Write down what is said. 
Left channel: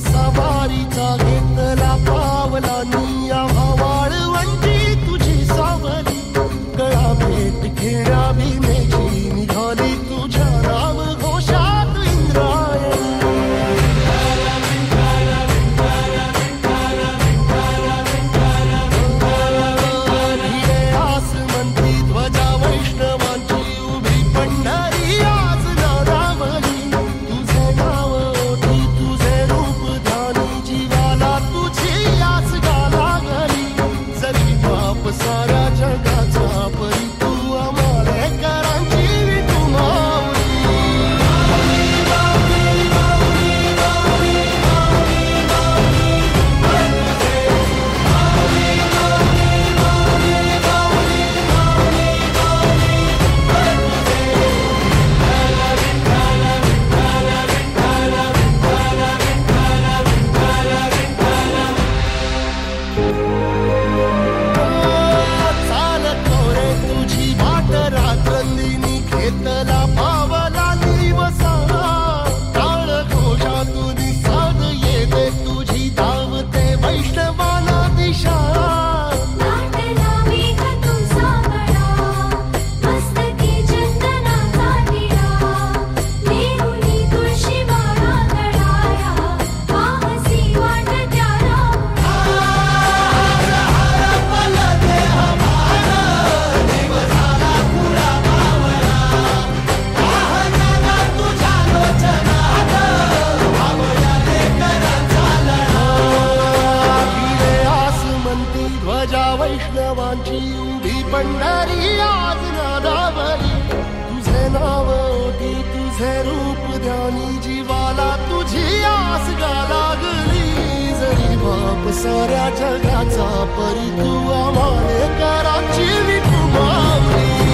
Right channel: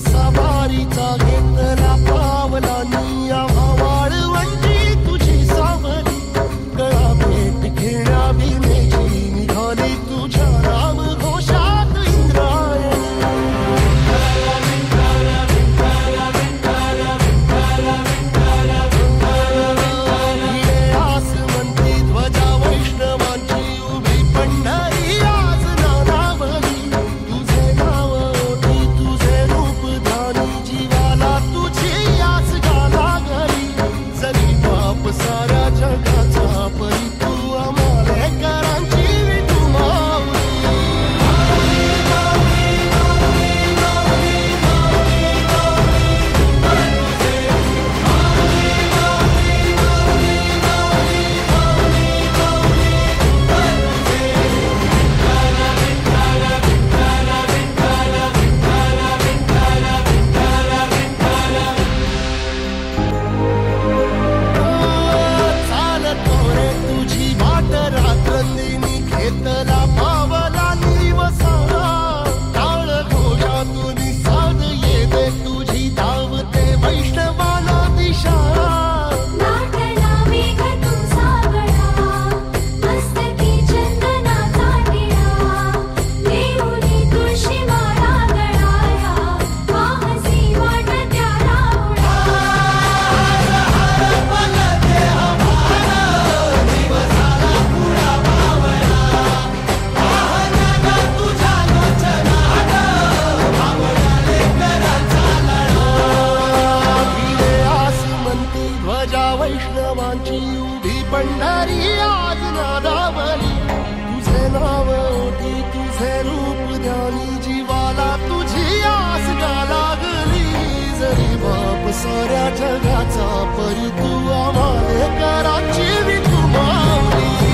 सवारीचा घेतला पावला निया वाळवंटी तुझी सावली गळा भेट घेण्या भीमेची निघाली तुझ्या राम घोषात इंद्रायणी भिडे आसमंती ध्वजा वैष्णवांची उभी पंढरी आज नारावली तुझे नाव ओठी तुझे रूप ध्यानी जीवाला तुझी आस गाला गली जरी बाप साऱ्या जगाचा परी तू आमालेकरांची विठू माऊली तुझी वाट रात्रंदिनी घेतला पावला निवसा टाळ घोषातून साध येते तुझी धावते वैष्णवाला दिशा ध्वजा वैष्णवांची उभी पंढरी आज नादावली तुझे नाव ओठी तुझे रूप ध्यानी जीवाला तुझी आस गा लागली जरी बाप साऱ्या जगाचा परी तू आमालेकरांची विठू माऊली